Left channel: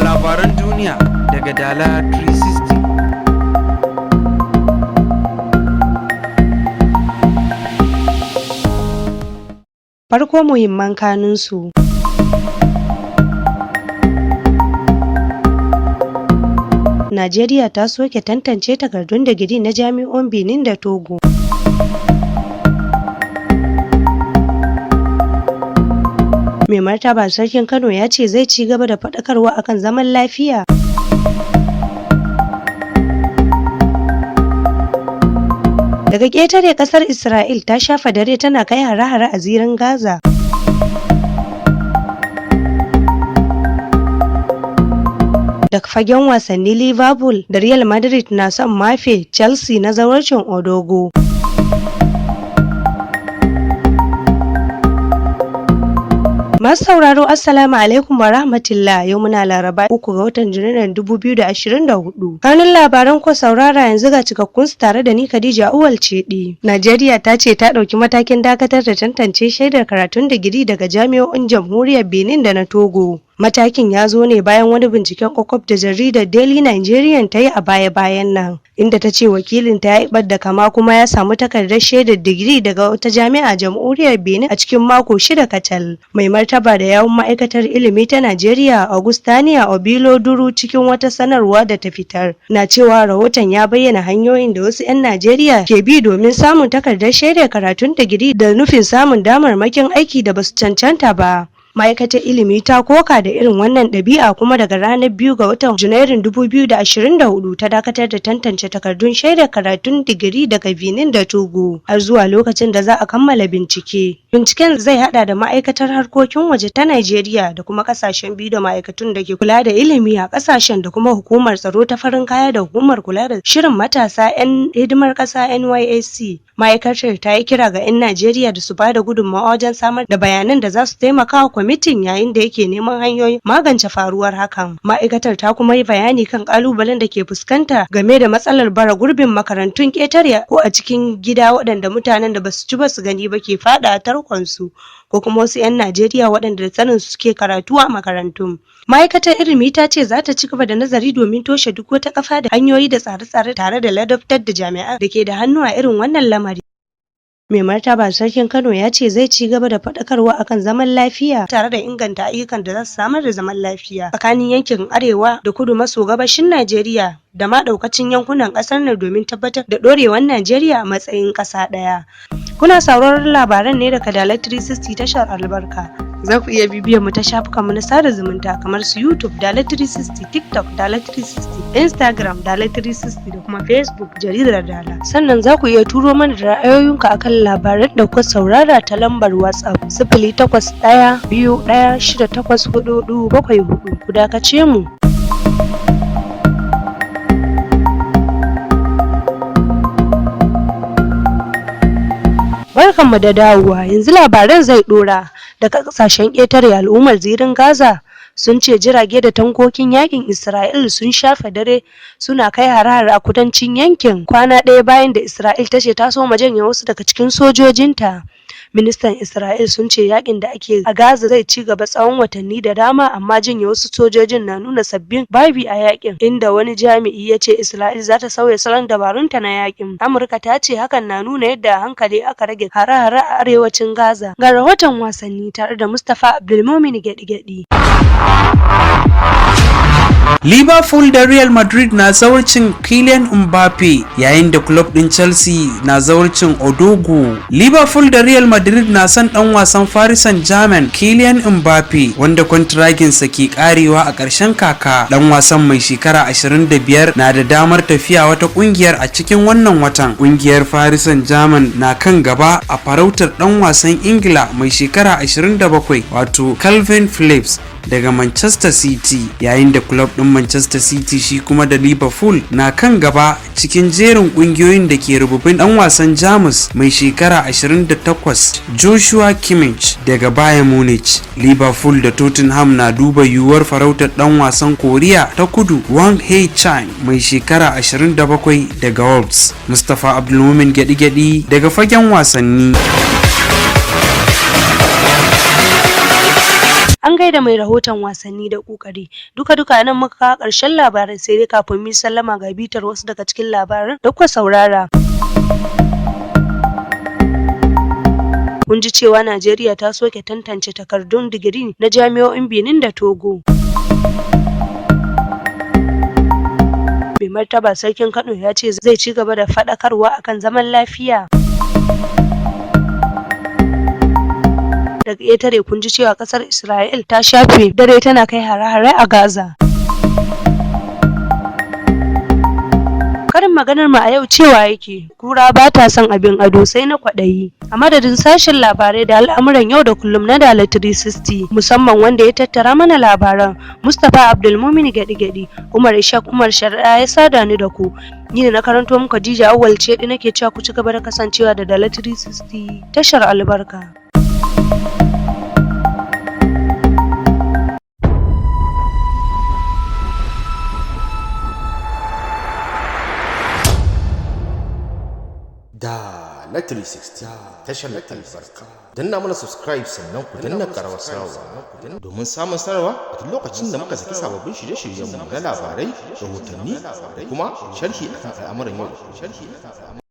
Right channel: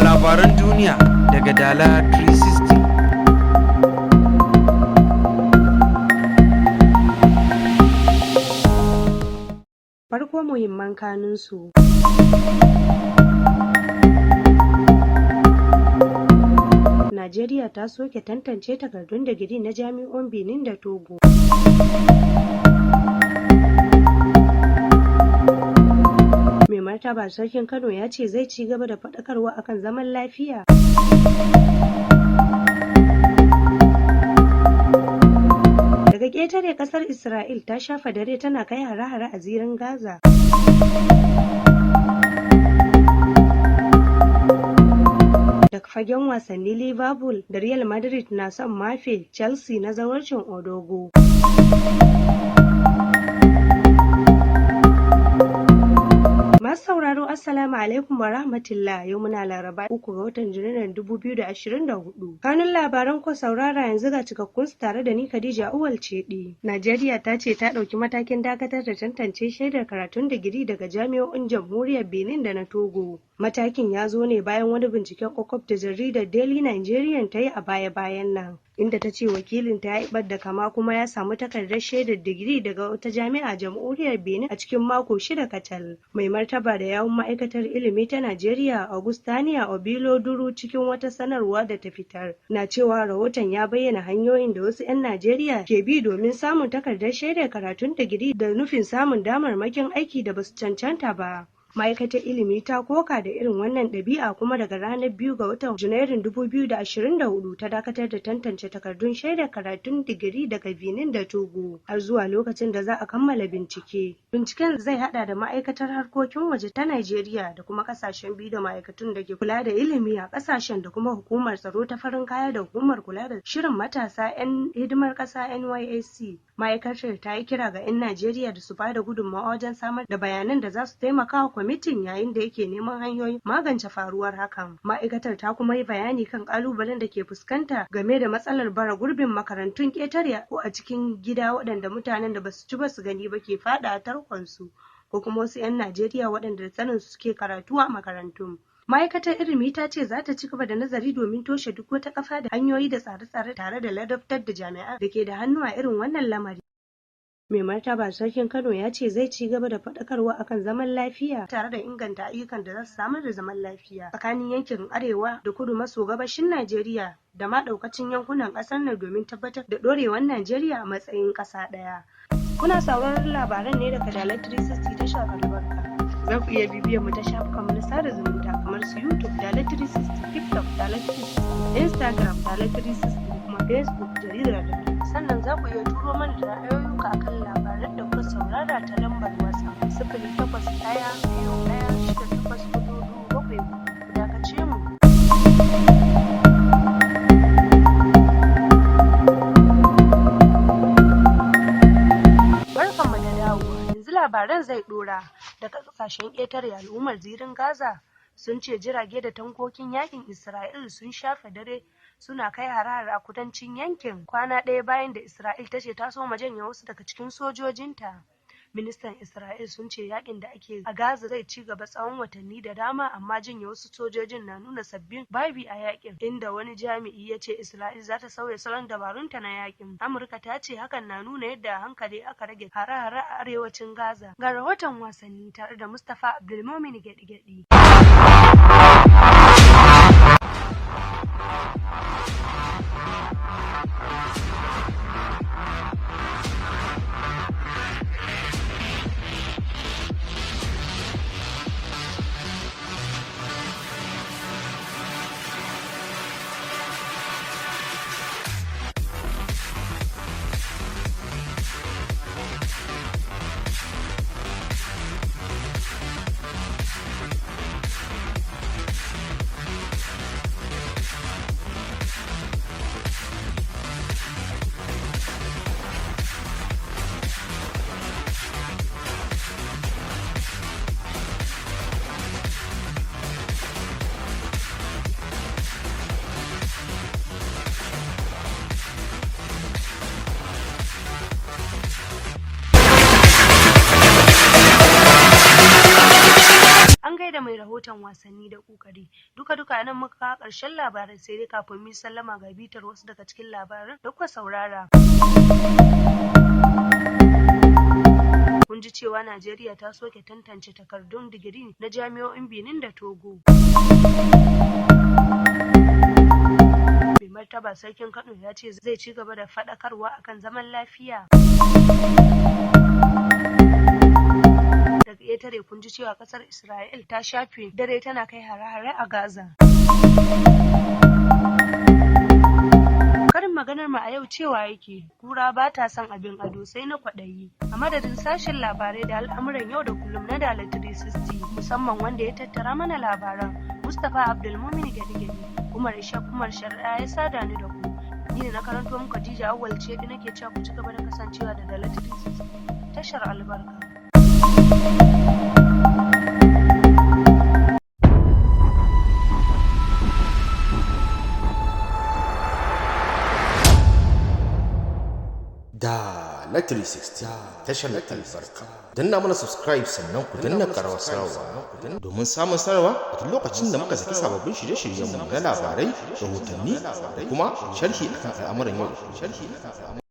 Ga labaran duniya daga Dala 360. Farko muhimman kanunsu. Najeriya ta soke tantance takardun digiri na jami'o'in Benin da Togo. Mai martaba Sarkin Kano ya ce zai ci gaba da faɗakarwa akan zaman lafiya. Daga ƙetare ƙasar Isra'il ta shafa dare tana kai hare-hare a zirin Gaza. Daga fagen wasanni, Liverpool da Real Madrid na son mafe Chelsea na zawarcin Odogo. Masu sauraro Assalamu alaikum wa rahmatullah, yau muna Laraba 3 ga watan Janairun 2024. Kanun labaran ko saurara yanzu ga cikakkun su tare da ni Khadija Uwal Cedi. Najeriya ta ce ta ɗauki matakin dakatar da tantance shaidar karatun digiri daga jami'o'in Jamhuriyar Benin da na Togo. Matakin ya zo ne bayan wani binciken kwakwaf da jaridar Daily Nigerian ta yi a baya-bayan nan, inda ta ce wakilinta ya yi da kama kuma ya samu takardar shaidar digiri daga wata jami'a Jamhuriyar Benin a cikin mako 6 kacal. Mai martaba da yawun ma'aikatar ilimi ta Najeriya Augustania Obilo Duru cikin wata sanarwa da ta fitar na cewa rahoton ya bayyana hanyoyin da wasu 'yan Najeriya ke bi domin samun takardar shaidar karatun digiri da nufin samun damarmakin aiki da basu cancanta ba. Ma'aikatar ilimi ta koka da irin wannan ɗabi'a kuma daga ranar 2 ga watan Janairun 2024 ta dakatar da tantance takardun shaidar karatun digiri daga Benin da Togo har zuwa lokacin da za a kammala bincike. Binciken zai hada da ma'aikatar harkokin waje ta Najeriya da kuma kasashen biyu da ma'aikatun da ke kula da ilimi a kasashen da kuma hukumar tsaro ta farin kaya da hukumar kula da shirin matasa 'yan hidimar ƙasa NYSC. Ma'aikatar ta yi kira ga 'yan Najeriya da su ba da gudunmawa wajen samar da bayanan da za su taimaka wa kwamitin yayin da yake neman hanyoyin magance faruwar hakan. Ma'aikatar ta kuma yi bayani kan kalubalen da ke fuskanta game da matsalar bara gurbin makarantun ƙetare ko a cikin gida waɗanda mutanen da basu ci ba su gani ba ke faɗa tarkonsu, ko kuma wasu 'yan Najeriya waɗanda da sanin su suke karatu a makarantun. Ma'aikatar ilimi ta ce za ta ci gaba da nazari domin toshe duk wata kafa da hanyoyi da tsare-tsare tare da ladabtar da jami'an da ke da hannu a irin wannan lamari. Mai martaba Sarkin Kano ya ce zai ci gaba da faɗakarwa akan zaman lafiya tare da inganta ayyukan da za su samar da zaman lafiya tsakanin yankin arewa da kudu maso gabashin Najeriya da ma ɗaukacin yankunan ƙasar nan domin tabbatar da ɗorewar Najeriya a matsayin ƙasa ɗaya. Kuna sauraron labaran ne daga Dala 360 tashar albarka. Za ku iya bibiyar mu ta shafukanmu na sada zumunta kamar su YouTube Dala 360, TikTok Dala 360, Instagram Dala 360 da kuma Facebook jaridar Dala. Sannan za ku iya turo mana da ra'ayoyinku akan labaran da kuka saurara ta lambar WhatsApp 0812168444. Ku dakace mu. Barkanmu da dawowa, yanzu labaran zai dora. Daga kasashen ƙetare, al'ummar zirin Gaza sun ce jirage da tankokin yakin Isra'il sun shafe dare suna kai hare-hare a kudancin yankin kwana ɗaya bayan da Isra'il ta ce ta soma janye wasu daga cikin sojojinta. Ministan Isra'il sun ce yakin da ake a Gaza zai ci gaba tsawon watanni da dama, amma janye wasu sojojin na nuna sabbin babi a yakin, inda wani jami'i ya ce Isra'il za ta sauya salon dabarunta na yakin. Amurka ta ce hakan na nuna yadda a hankali aka rage hare-hare a arewacin Gaza. Ga rahoton wasanni tare da Mustapha Abdulmumin Gedi-Gedi. Liverpool da Real Madrid na zawarcin Kylian Mbappe yayin da club din Chelsea na zawarcin Odogo. Liverpool da Real Madrid na son dan wasan Paris Saint-Germain Kylian Mbappe wanda kwantiraginsa ke karewa a ƙarshen kaka. Dan wasan mai shekara 25 na da damar tafiya wata kungiyar a cikin wannan watan. Kungiyar Paris Saint-Germain na kan gaba a farautar dan wasan Ingila mai shekara 27 wato Calvin Phillips daga Manchester City, yayin da club din Manchester City shi kuma da Liverpool na kan gaba cikin jerin kungiyoyin da ke rububin dan wasan Jamus mai shekara 28 Joshua Kimmich daga Bayern Munich. Liverpool da Tottenham na duba yiwuwar farautar dan wasan Koriya ta Kudu Wang Hee-chan mai shekara 27 daga Wolves. Mustapha Abdulmumin Gedi-Gedi daga fagen wasanni. gaida mai rahoton wasanni da kokari. Duka nan muka kawo ƙarshen labaran, sai dai kafin mu sallama ga bitar wasu daga cikin labaran da kuka saurara. Kun ji cewa Najeriya ta soke tantance takardun digiri na jami'o'in Benin da Togo. Mai martaba sarkin Kano ya ce zai ci gaba da faɗakarwa akan zaman lafiya. Daga ƙetare kun ji cewa ƙasar Isra'il ta shafe dare tana kai hare-hare a Gaza. Karin maganar mu a yau cewa yake, kura ba ta son abin ado sai na kwaɗayi. A madadin sashen labarai da al'amuran yau da kullum na Dala 360, musamman wanda ya tattara mana labaran, Mustapha Abdulmumin Gadi-Gadi, Umar Ishaq Umar Shari'a ya sada ni da ku. Ni da na karanto muku Khadija Awwal ce nake cewa ku ci gaba da kasancewa da Dala 360 tashar albarka. Dala 360 tashar albarka. Danna mana subscribe sannan ku danna karawar sanarwa domin samun sanarwa a duk lokacin da muka saki sababbin shirye-shiryenmu na labarai, rahotanni da kuma sharhi akan al'amuran yau da kullum.